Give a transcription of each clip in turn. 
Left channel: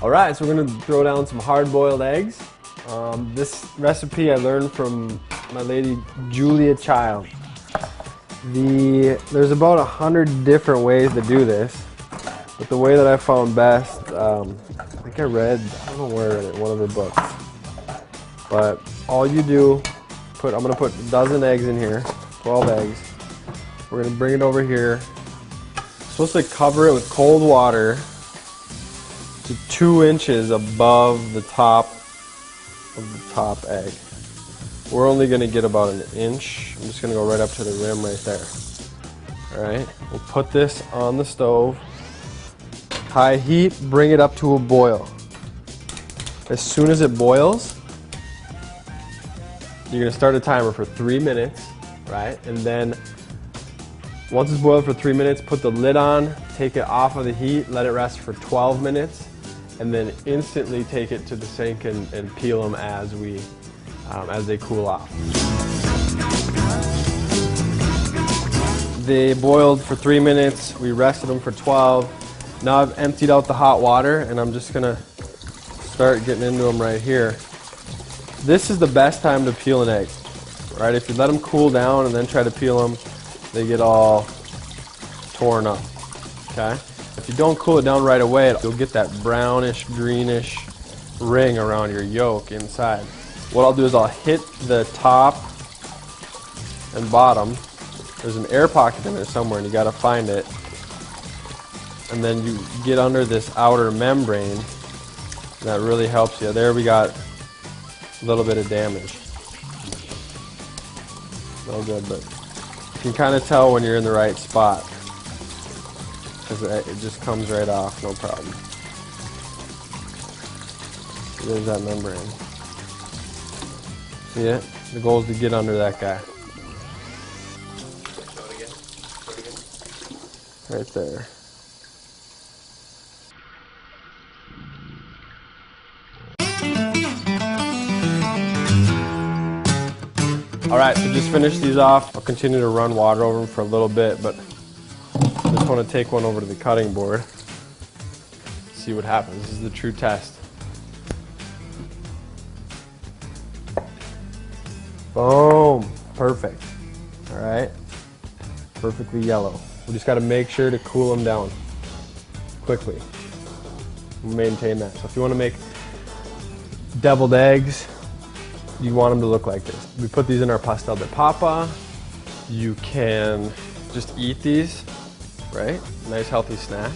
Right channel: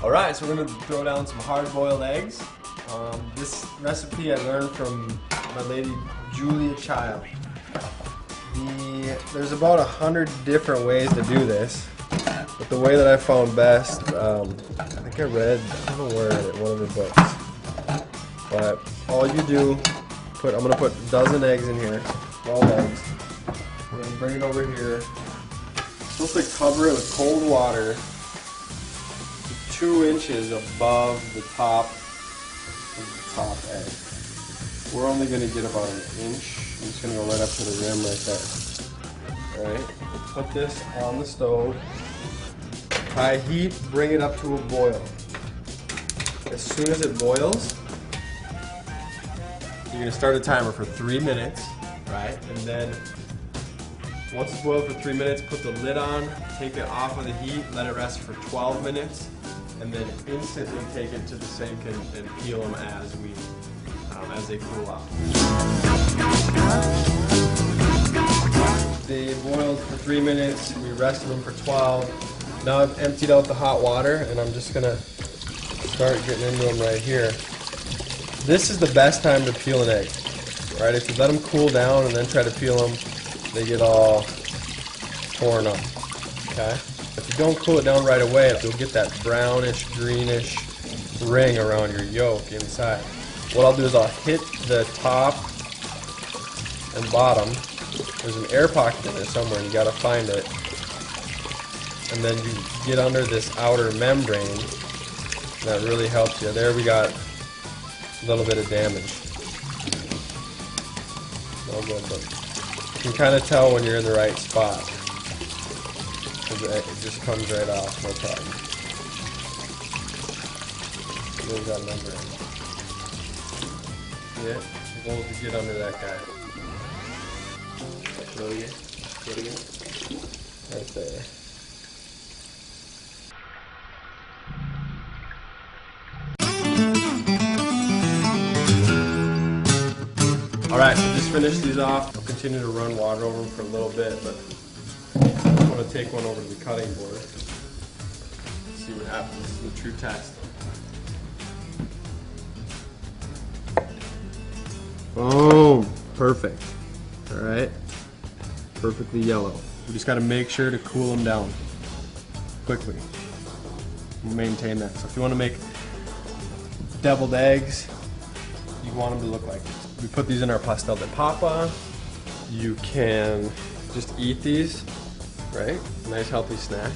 All right, so we're gonna throw down some hard-boiled eggs. This recipe I learned from my lady Julia Child. There's about 100 different ways to do this. But the way that I found best, I think I read, I don't know where, in one of the books. But all you do, I'm gonna put a dozen eggs in here, 12 eggs. We're gonna bring it over here. Supposed to cover it with cold water to 2 inches above the top of the top egg. We're only going to get about an inch. I'm just going to go right up to the rim right there. Alright, we'll put this on the stove. High heat, bring it up to a boil. As soon as it boils, you're going to start a timer for 3 minutes, right? And then once it's boiled for 3 minutes, put the lid on, take it off of the heat, let it rest for 12 minutes, and then instantly take it to the sink and peel them as they cool off. They boiled for 3 minutes, we rested them for 12. Now I've emptied out the hot water and I'm just gonna start getting into them right here. This is the best time to peel an egg, right? If you let them cool down and then try to peel them, they get all torn up, okay? If you don't cool it down right away, you'll get that brownish, greenish ring around your yolk inside. What I'll do is I'll hit the top and bottom. There's an air pocket in there somewhere and you gotta find it. And then you get under this outer membrane. That really helps you. There we got a little bit of damage. No good, but you can kind of tell when you're in the right spot. It just comes right off, no problem. There's that membrane. See it? The goal is to get under that guy. Show it again. Show it again. Right there. Alright, so just finish these off. I'll continue to run water over them for a little bit, but I just want to take one over to the cutting board. See what happens. This is the true test. Boom! Perfect. Alright. Perfectly yellow. We just got to make sure to cool them down quickly. Maintain that. So if you want to make deviled eggs, you want them to look like this. We put these in our pastel de papa. You can just eat these, right? Nice healthy snack.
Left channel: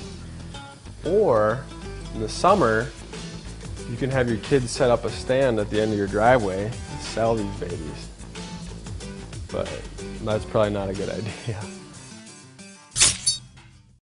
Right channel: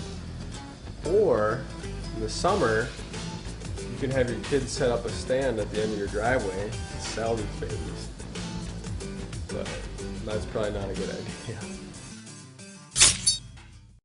Or in the summer, you can have your kids set up a stand at the end of your driveway to sell these babies. But that's probably not a good idea.